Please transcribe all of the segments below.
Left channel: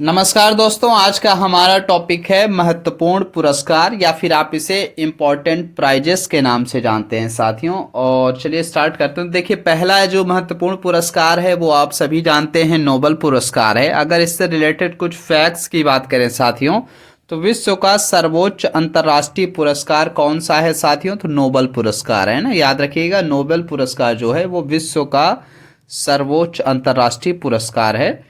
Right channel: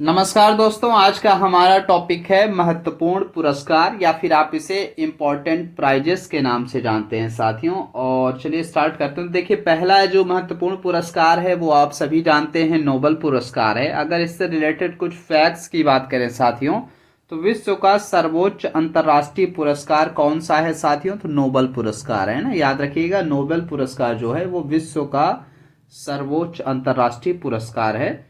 नमस्कार दोस्तों, आज का हमारा टॉपिक है महत्वपूर्ण पुरस्कार या फिर आप इसे इम्पोर्टेंट प्राइजेस के नाम से जानते हैं साथियों। और चलिए स्टार्ट करते हैं। देखिए, पहला जो महत्वपूर्ण पुरस्कार है वो आप सभी जानते हैं, नोबेल पुरस्कार है। अगर इससे रिलेटेड कुछ फैक्ट्स की बात करें साथियों, तो विश्व का सर्वोच्च अंतर्राष्ट्रीय पुरस्कार कौन सा है साथियों? तो नोबेल पुरस्कार है ना, याद रखिएगा। नोबेल पुरस्कार जो है वो विश्व का सर्वोच्च अंतर्राष्ट्रीय पुरस्कार है।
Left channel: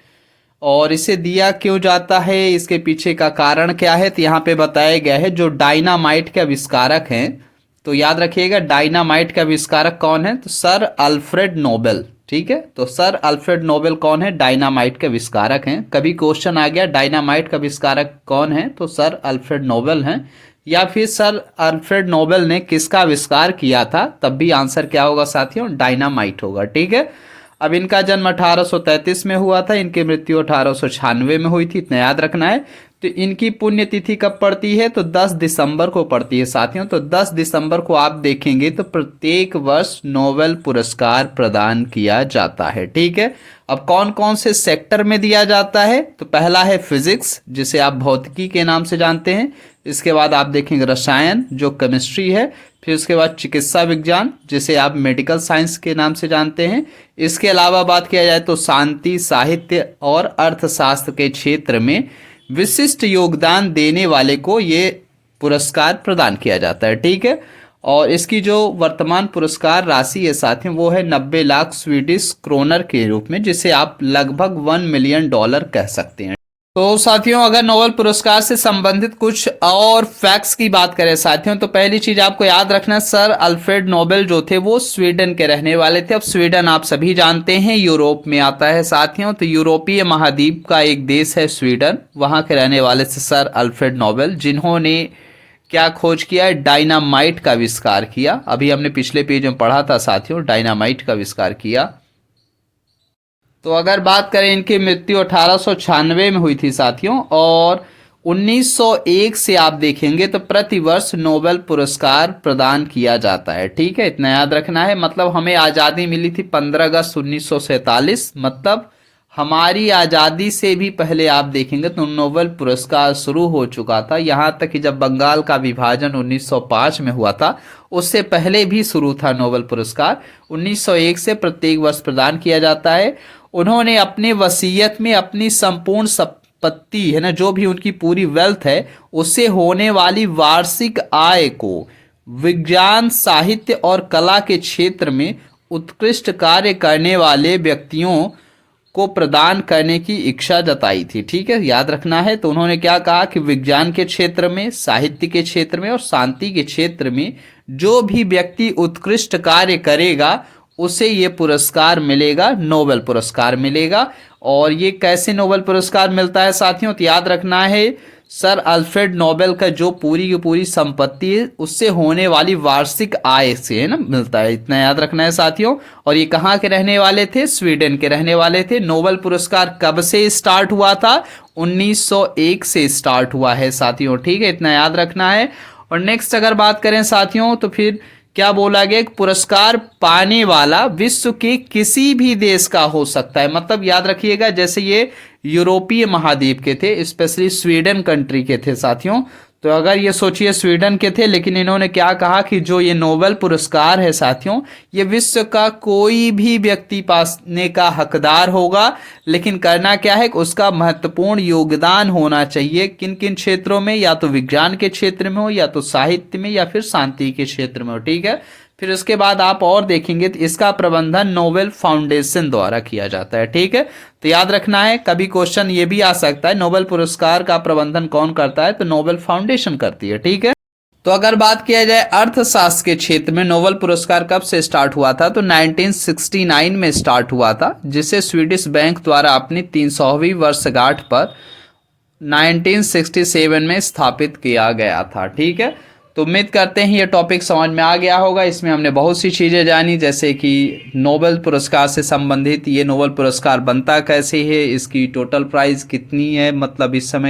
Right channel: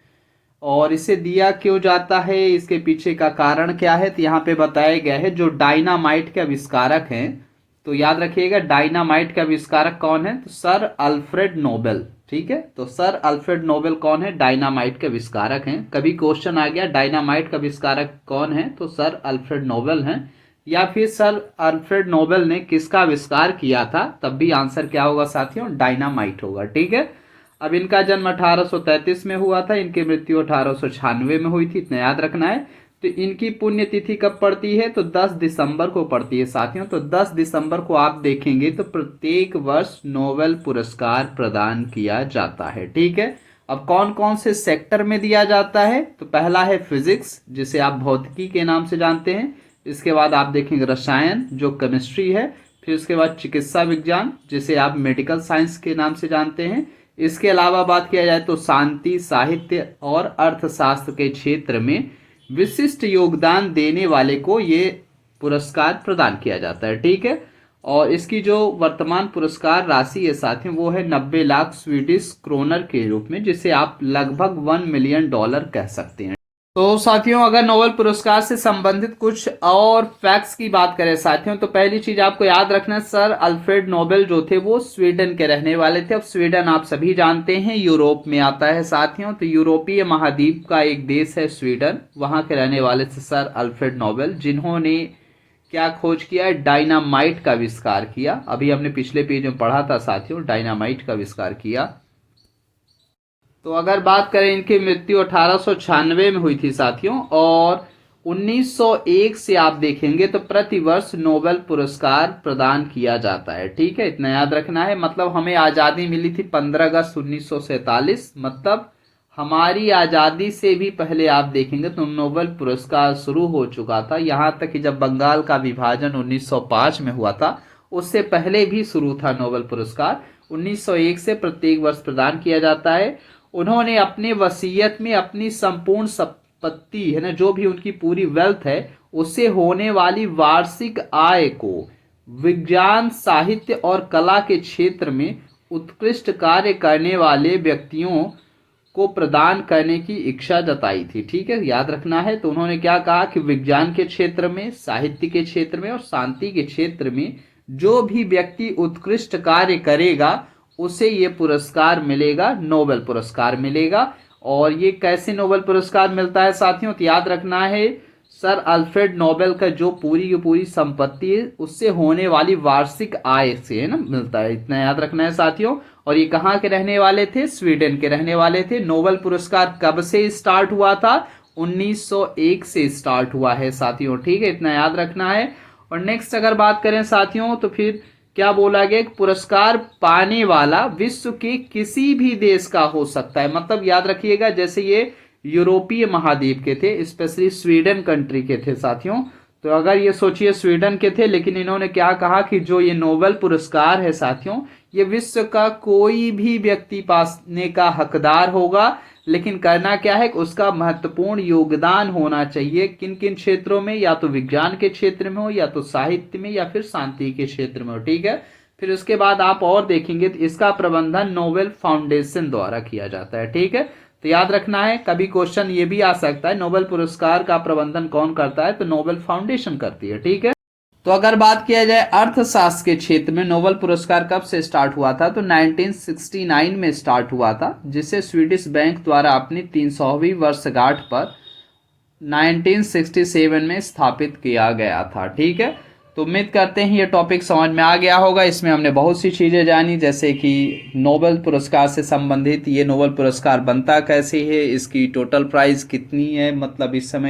और इसे दिया क्यों जाता है, इसके पीछे का कारण क्या है, तो यहाँ पे बताया गया है। जो डायनामाइट के आविष्कारक हैं, तो याद रखिएगा डायनामाइट का आविष्कारक कौन है? तो सर अल्फ्रेड नोबेल। ठीक है, तो सर अल्फ्रेड नोबेल कौन है? डायनामाइट के आविष्कारक हैं। कभी क्वेश्चन आ गया डायनामाइट का आविष्कारक कौन है, तो सर अल्फ्रेड नोबेल हैं। या फिर सर अल्फ्रेड नोबेल ने किसका आविष्कार किया था, तब भी आंसर क्या होगा साथियों? डायनामाइट होगा। ठीक है। अब इनका जन्म 1833 में हुआ था, इनकी मृत्यु 1896 में हुई थी, इतना याद रखना है। तो इनकी पुण्यतिथि कब पड़ती है? तो 10 दिसंबर को पड़ती है साथियों। तो 10 दिसंबर को आप देखेंगे तो प्रत्येक वर्ष नोबेल पुरस्कार प्रदान किया जाता है। ठीक है। अब कौन कौन से सेक्टर में दिया जाता है? तो पहला है फिजिक्स, जिसे आप भौतिकी के नाम से जानते हैं। इसके बाद आप देखेंगे रसायन, जो केमिस्ट्री है। फिर उसके बाद चिकित्सा विज्ञान, जिसे आप मेडिकल साइंस के नाम से जानते हैं। इसके अलावा बात किया जाए तो शांति, साहित्य और अर्थशास्त्र के क्षेत्र में विशिष्ट योगदान देने वाले को ये पुरस्कार प्रदान किया जाता है। ठीक है। और इसकी जो वर्तमान पुरस्कार राशि है साथियों, वो है 90 लाख स्वीडिश क्रोनर के रूप में, जिसे आप लगभग $1 मिलियन कह सकते हैं। तो साथियों, अगर नोबेल पुरस्कार से संबंधित कुछ और फैक्ट्स की बात करें साथियों, तो पहली चीज आपको याद रखना, सर अल्फ्रेड नोबेल जो थे वो स्वीडन के रहने वाले थे। अब स्वीडन आप सभी जानते हैं यूरोप में आता है साथियों। तो यूरोपीय महाद्वीप का एक देश है स्वीडन, वहां के रहने वाले थे सर अल्फ्रेड नोबेल, जिन्होंने क्या खोज किया है? डायनामाइट का आविष्कार किया। अभी हमने पिछले पेज में पढ़ा था साथियों, डायनामाइट का आविष्कार किया। तो अगर बात करें, इनकी मृत्यु 1896 में हुई थी साथियों। और 1901 से आप देखेंगे तो प्रतिवर्ष नोबेल पुरस्कार प्रदान किया जाता है। ठीक है, इतना याद रखना है। मतलब हमें आज़ादी मिली थी 15 अगस्त 1947, मतलब हमारी आज़ादी से भी पहले आप देखेंगे तो नोबेल पुरस्कार शुरू हो चुका था। यहाँ तक कि जब बंगाल का विभाजन 1905 में हुआ था, उससे पहले भी शुरू था नोबेल पुरस्कार। 1901 से प्रत्येक वर्ष प्रदान किया जाता है। उन्होंने अपने वसीयत में अपनी संपूर्ण संपत्ति है ना, जो भी उनकी पूरी वेल्थ है, उससे होने वाली वार्षिक आय को विज्ञान, साहित्य और कला के क्षेत्र में उत्कृष्ट कार्य करने वाले व्यक्तियों को प्रदान करने की इच्छा जताई थी। ठीक है, याद रखना है। तो उन्होंने क्या कहा कि विज्ञान के क्षेत्र में, साहित्य के क्षेत्र में और शांति के क्षेत्र में जो भी व्यक्ति उत्कृष्ट कार्य करेगा उसे ये पुरस्कार मिलेगा, नोबेल पुरस्कार मिलेगा। और ये कैसे नोबेल पुरस्कार मिलता है साथियों? तो याद रखना है, सर अल्फ्रेड नोबेल का जो पूरी की पूरी संपत्ति है, उससे होने वाली वार्षिक आय से है ना मिलता है, इतना याद रखना है साथियों। और ये कहाँ के रहने वाले थे? स्वीडन के रहने वाले थे। नोबेल पुरस्कार कब से स्टार्ट हुआ था? 1901 से स्टार्ट हुआ है साथियों। ठीक है, इतना याद रखना है। और नेक्स्ट अगर बात करें साथियों, तो फिर क्या बोला गया? पुरस्कार पाने वाला विश्व के किसी भी देश का हो सकता है। मतलब याद रखिएगा, जैसे ये यूरोपीय महाद्वीप के थे, स्पेशली स्वीडन कंट्री के थे साथियों। तो अगर ये सोचिए स्वीडन के थे, लेकिन इन्होंने क्या कहा कि जो ये नोबेल पुरस्कार है साथियों, ये विश्व का कोई भी व्यक्ति पाने का हकदार होगा, लेकिन करना क्या है? उसका महत्वपूर्ण योगदान होना चाहिए। किन किन क्षेत्रों में? या तो विज्ञान के क्षेत्र में हो, या तो साहित्य में, या फिर शांति के क्षेत्र में हो। ठीक है। फिर उसके बाद आप और देखेंगे तो इसका प्रबंधन नोबेल फाउंडेशन द्वारा किया जाता है। ठीक है, तो याद रखना है। कभी क्वेश्चन ये भी आ सकता है, नोबेल पुरस्कार का प्रबंधन कौन करता है? तो नोबेल फाउंडेशन करती है। ठीक है। तो अगर बात किया जाए अर्थशास्त्र के क्षेत्र में, नोबेल पुरस्कार कब से स्टार्ट हुआ था? तो 1969 में स्टार्ट हुआ था, जिसे स्वीडिश बैंक द्वारा अपनी 300वीं वर्षगांठ पर 1967 में स्थापित किया गया था। ठीक है। तो उम्मीद करते हैं ये टॉपिक समझ में आ गया होगा। इसमें हमने बहुत सी चीज़ें जानी, जैसे कि नोबेल पुरस्कार से संबंधित ये नोबेल पुरस्कार बनता कैसे है, इसकी टोटल प्राइस कितनी है, मतलब इस समय